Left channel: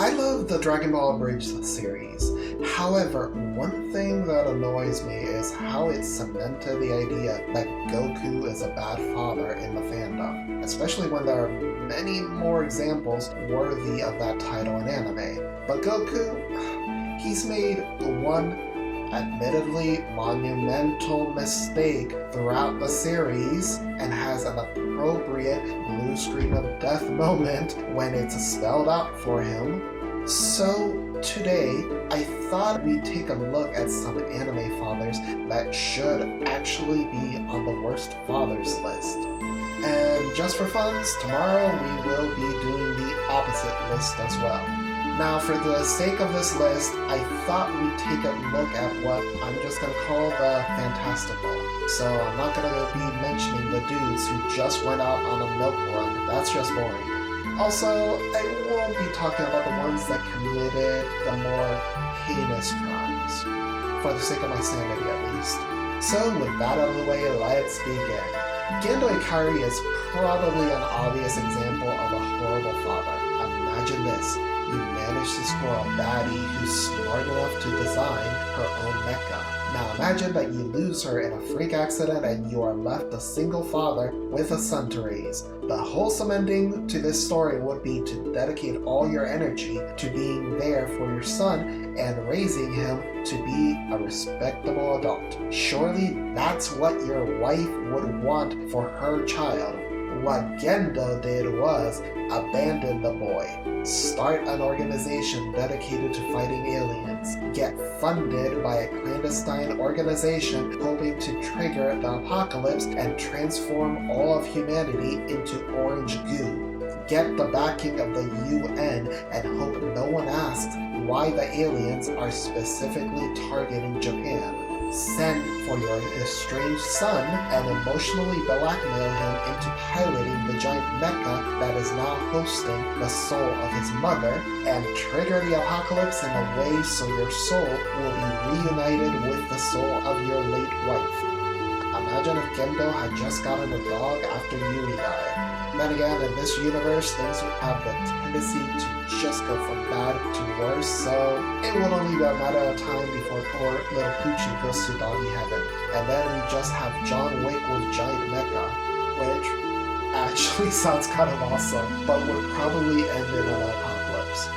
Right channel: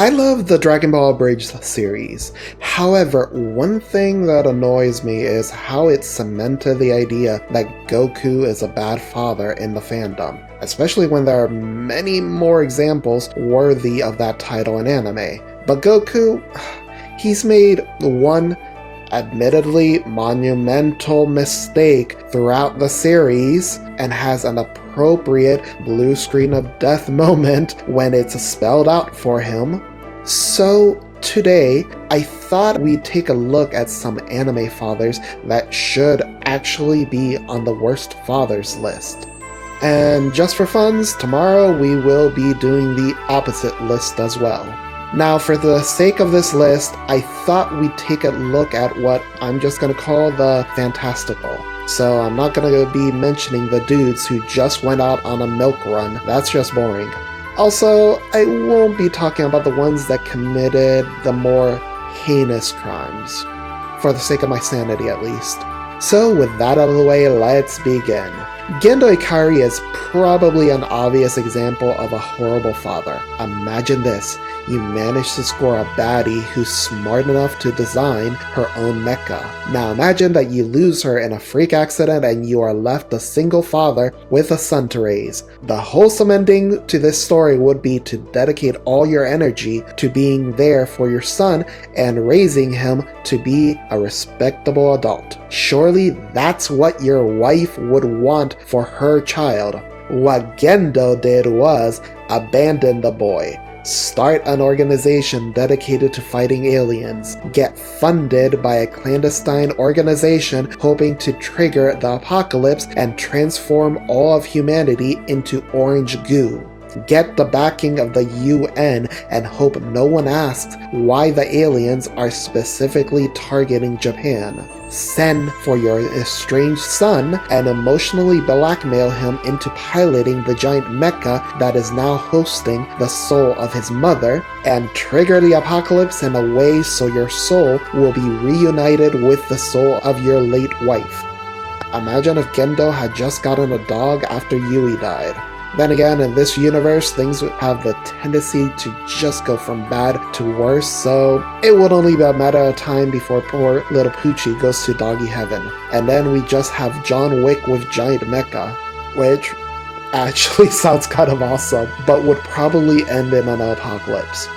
I love the Dragon Ball Abridged series. However, one thing that annoys me is how it cemented the idea that Goku is a bad father in the fandom, especially when there are many more examples worthy of that title in anime. But Goku, he's made one admittedly monumental mistake throughout the series and has an appropriate blue screen of death moment when it's spelled out for him. So today, I thought we'd take a look at some anime fathers that should actually be on the worst fathers list. And just for funs, tomorrow we will be doing the opposite list as well. Now, for the sake of this list, I thought we'd take a look at what I'm just going to call the fantastical. So I'm not going to be mentioning the dudes who just went out on a milk run. That's just boring. Also, I won't be talking about the ones that committed the more heinous crimes, for the sake of my sanity at least. So with that out of the way, let's begin. Gendo Ikari is probably an obvious example of a horrible father. Imagine this. You manage to score a baddie who's smart enough to design her own mecha. Now imagine that you lose her in a freak accident and you are left a single father with a son to raise. The wholesome ending to this story would be to dedicate all your energy to being there for your son and raising him to be a respectable adult. Surely that's what your wife would want for her child. What Gendo did was abandon the boy. Start an organization dedicated to fighting aliens. Get funded by a clandestine organization hoping to trigger the apocalypse and transform all of humanity into orange goo. Get the backing of the UN and hope no one asks why the aliens are specifically targeting Japan. Send for your estranged son and emotionally blackmail him into piloting the giant mecha that is now hosting the soul of his mother, and trigger the apocalypse in a way so your soul will be reunited with the soul of your late wife. Imagine if Gendo had just gotten a dog after Yui died. Then again, in this universe, things would have the tendency to just go from bad to worse, so it would only be a matter of time before poor little Poochie goes to doggy heaven. And then we just have John Wick with giant mecha, which actually sounds kind of awesome, but would probably end in an apocalypse.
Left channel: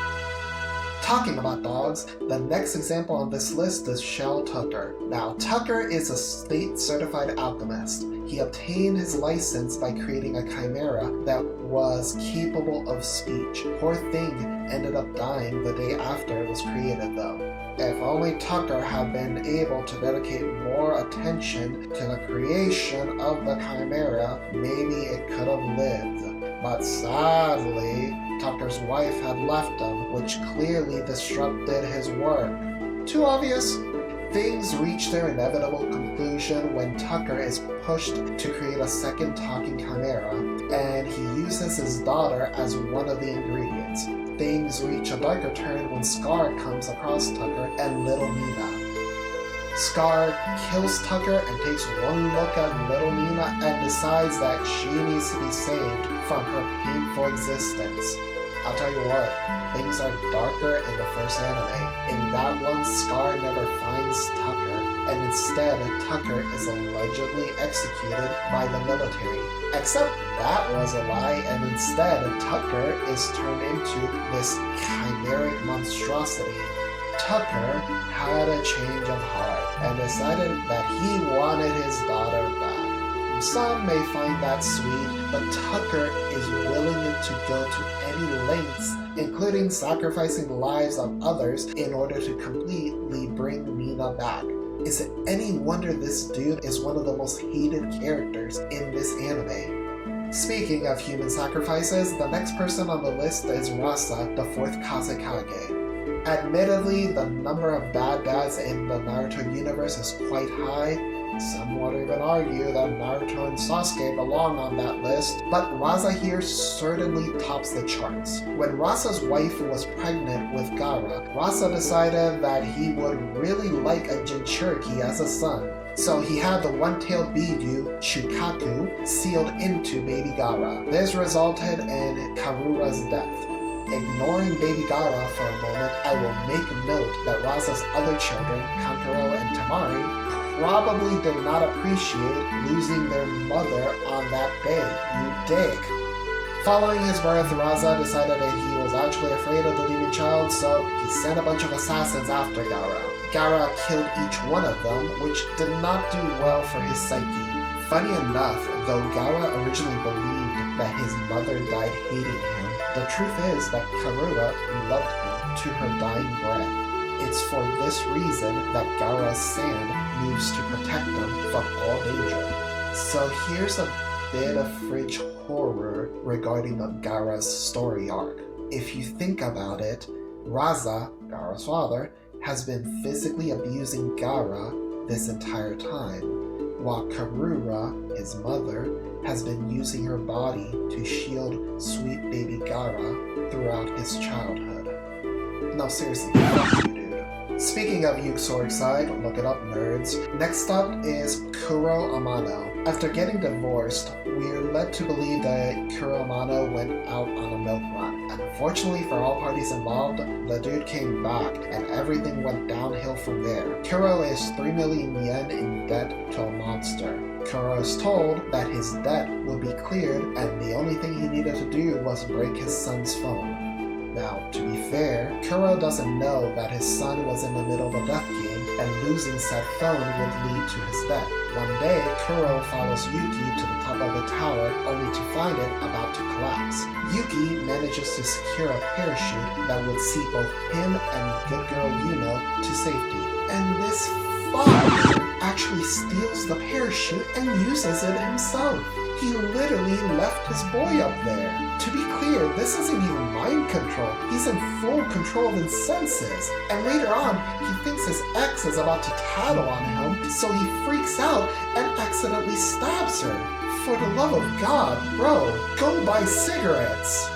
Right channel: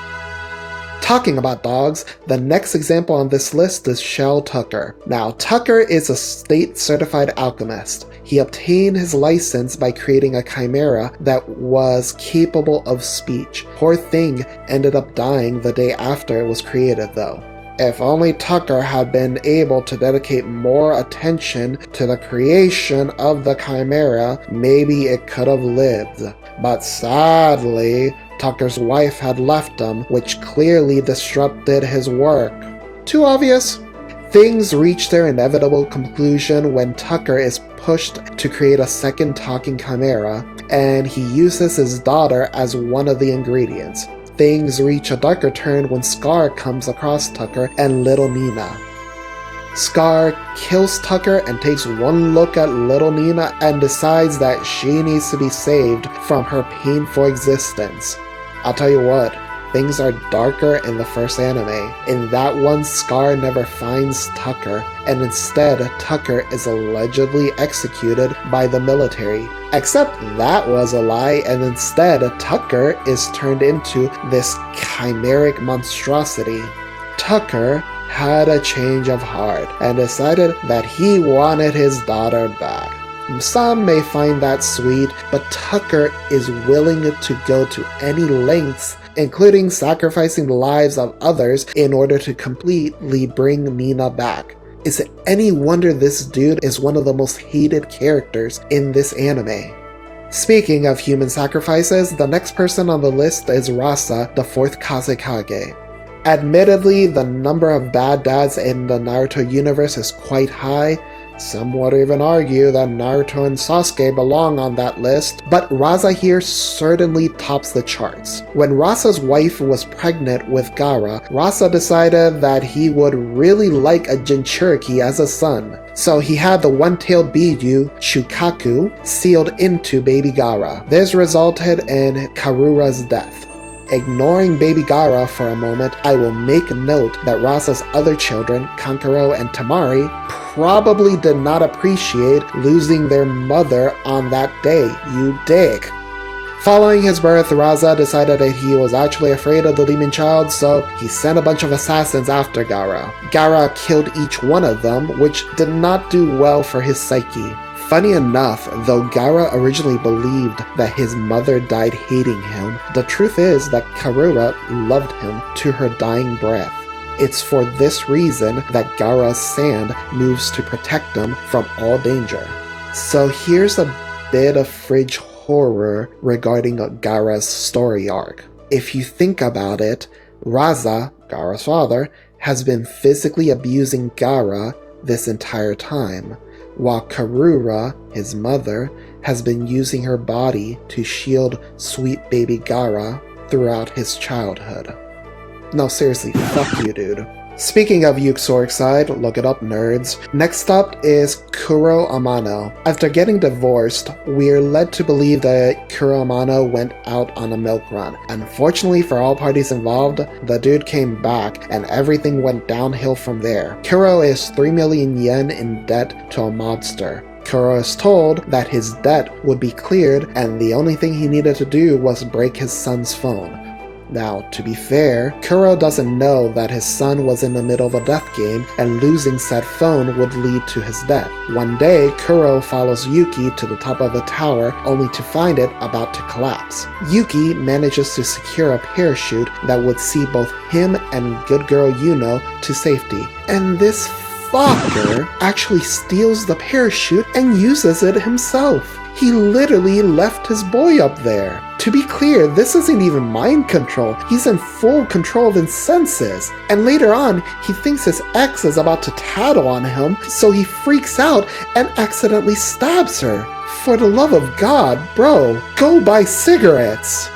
Talking about dogs, the next example on this list is Shell Tucker. Now, Tucker is a state-certified alchemist. He obtained his license by creating a chimera that was capable of speech. Poor thing ended up dying the day after it was created though. If only Tucker had been able to dedicate more attention to the creation of the chimera, maybe it could have lived. But sadly, Tucker's wife had left him, which clearly disrupted his work. Too obvious? Things reach their inevitable conclusion when Tucker is pushed to create a second talking chimera, and he uses his daughter as one of the ingredients. Things reach a darker turn when Scar comes across Tucker and little Nina. Scar kills Tucker and takes one look at little Nina and decides that she needs to be saved from her painful existence. I'll tell you what, things are darker in the first anime. In that one, Scar never finds Tucker, and instead Tucker is allegedly executed by the military. Except that was a lie, and instead Tucker is turned into this chimeric monstrosity. Tucker had a change of heart and decided that he wanted his daughter back. Some may find that sweet, but Tucker is willing to go to any lengths, including sacrificing the lives of others in order to completely bring Nina back. Is it any wonder this dude is one of the most hated characters in this anime? Speaking of human sacrifices, the next person on the list is Rasa, the 4th Kazekage. Admittedly, the number of bad dads in the Naruto universe is quite high. Some would even argue that Naruto and Sasuke belong on that list, but Rasa here certainly tops the charts. When Rasa's wife was pregnant with Gaara, Rasa decided that he would really like a Jinchuriki as a son. So he had the one-tailed Bidyu, Shukaku, sealed into baby Gaara. This resulted in Karura's death. Ignoring baby Gaara for a moment, I will make note that Raza's other children, Kankuro and Tamari, probably did not appreciate losing their mother on that day, you dick. Following his birth, Raza decided that he was actually afraid of the demon child, so he sent a bunch of assassins after Gaara. Gaara killed each one of them, which did not do well for his psyche. Funny enough, though Gaara originally believed that his mother died hating him, the truth is that Karura loved him to her dying breath. It's for this reason that Gaara's sand moves to protect him from all danger. So here's a bit of fridge horror regarding Gaara's story arc. If you think about it, Raza, Gaara's father, has been physically abusing Gaara this entire time, while Karura, his mother, has been using her body to shield sweet baby Gaara throughout his childhood. No, seriously, fuck you, dude. Speaking of Uxoricide, look it up, nerds. Next up is Kuro Amano. After getting divorced, we're led to believe that Kuro Amano went out on a milk run. Unfortunately for all parties involved, the dude came back and everything went downhill from there. Kuro is 3 million yen in debt to a mobster. Kuro is told that his debt would be cleared and the only thing he needed to do was break his son's phone. Now, to be fair, Kuro doesn't know that his son was in the middle of a death game and losing said phone would lead to his death. One day, Kuro follows Yuki to the top of the tower only to find it about to collapse. Yuki manages to secure a parachute that would see both him and good girl Yuno to safety. And this fucker actually steals the parachute and uses it himself. He literally left his boy up there. To be clear, this isn't even mind control. He's in full control of his senses. And later on, he thinks his ex is about to tattle on him, so he freaks out and accidentally stabs her. For the love of God, bro, go buy cigarettes.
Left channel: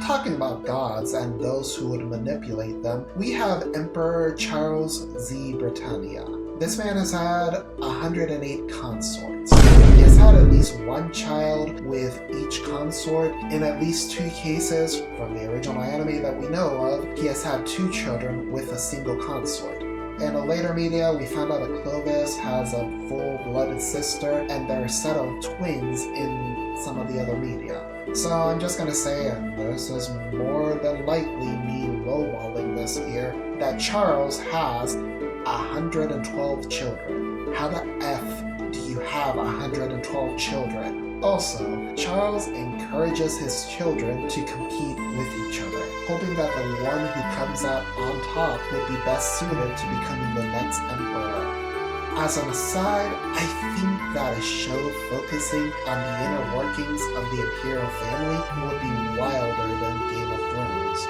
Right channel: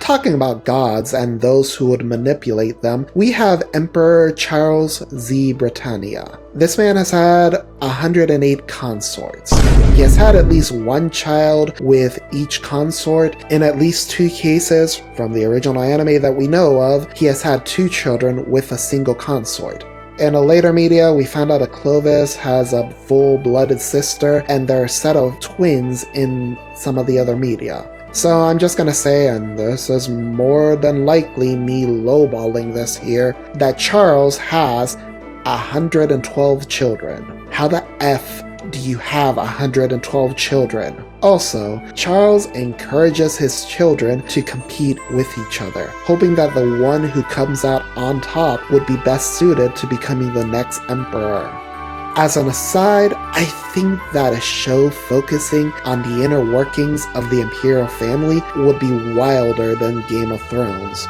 Talking about gods and those who would manipulate them, we have Emperor Charles Z. Britannia. This man has had 108 consorts. He has had at least one child with each consort. In at least 2 cases, from the original anime that we know of, he has had 2 children with a single consort. In a later media, we found out that Clovis has a full-blooded sister, and there are a set of twins in some of the other media. So I'm just gonna say, and this is more than likely me lowballing this here, that Charles has 112 children. How the F do you have 112 children? Also, Charles encourages his children to compete with each other, hoping that the one who comes out on top would be best suited to becoming the next emperor. As an aside, I think that a show focusing on the inner workings of the imperial family would be wilder than Game of Thrones.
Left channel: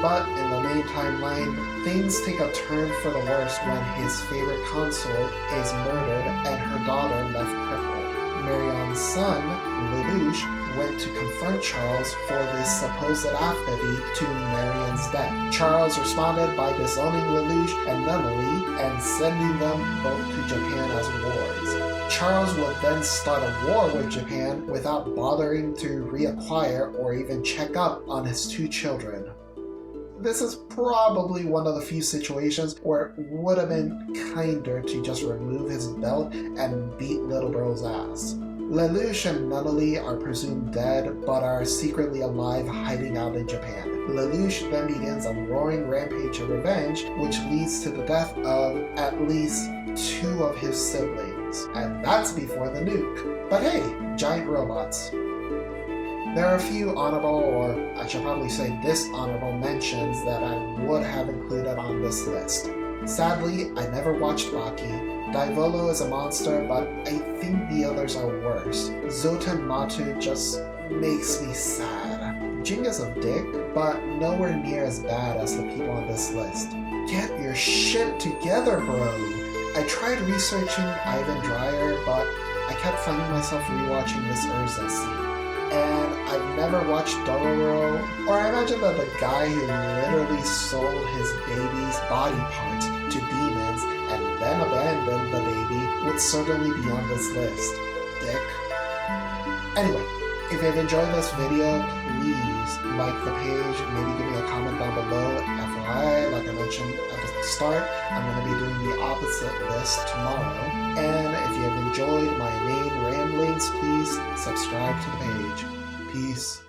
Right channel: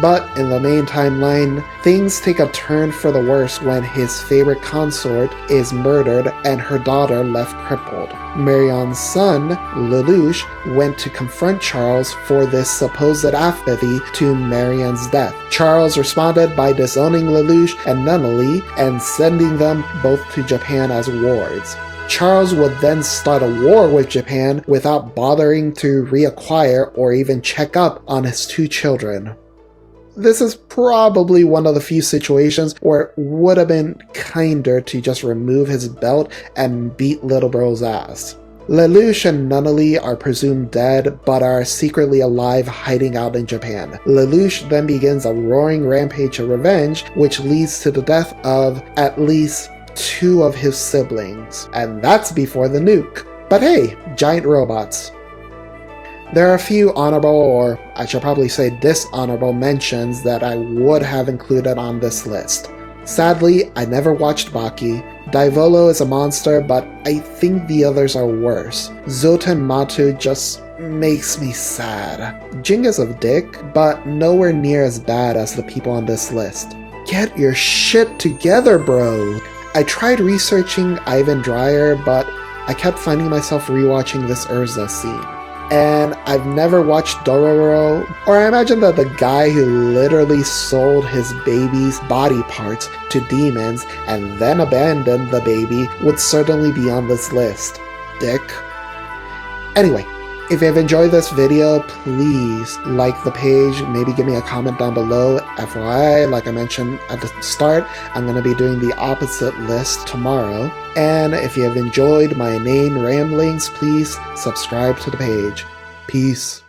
But in the main timeline, things take a turn for the worse when his favorite consort is murdered and her daughter left crippled. Marion's son, Lelouch, went to confront Charles for this supposed apathy to Marion's death. Charles responded by disowning Lelouch and Nunnally and sending them both to Japan as wards. Charles would then start a war with Japan without bothering to reacquire or even check up on his 2 children. This is probably one of the few situations where it would have been kinder to just remove his belt and beat little bro's ass. Lelouch and Nunnally are presumed dead, but are secretly alive hiding out in Japan. Lelouch then begins a roaring rampage of revenge, which leads to the death of at least 2 of his siblings. And that's before the nuke. But hey, giant robots. There are a few honorable, or I should probably say dishonorable mentions that I would have included on this list. Sadly, I never watched Baki. Daivolo is a monster, but I think the others are worse. Zoten Matu just makes me sad. Jing is a dick, but nowhere near as bad as the people on this list. Get your shit together, bro! I tried researching Ivan Dreyer, but I kept finding myself rewatching this Urza scene. And I've never watched Dororo, or I imagine that the guy who literally sold his baby's body parts to demons and then abandoned the baby would certainly be on this list. Dick. Anyway, If you've enjoyed this video, please like the page, maybe give me a comment down below. FYI, like I mentioned at the start, I'm going to be doing the opposite list tomorrow. And if you have enjoyed my inane ramblings, please subscribe to the page. Peace.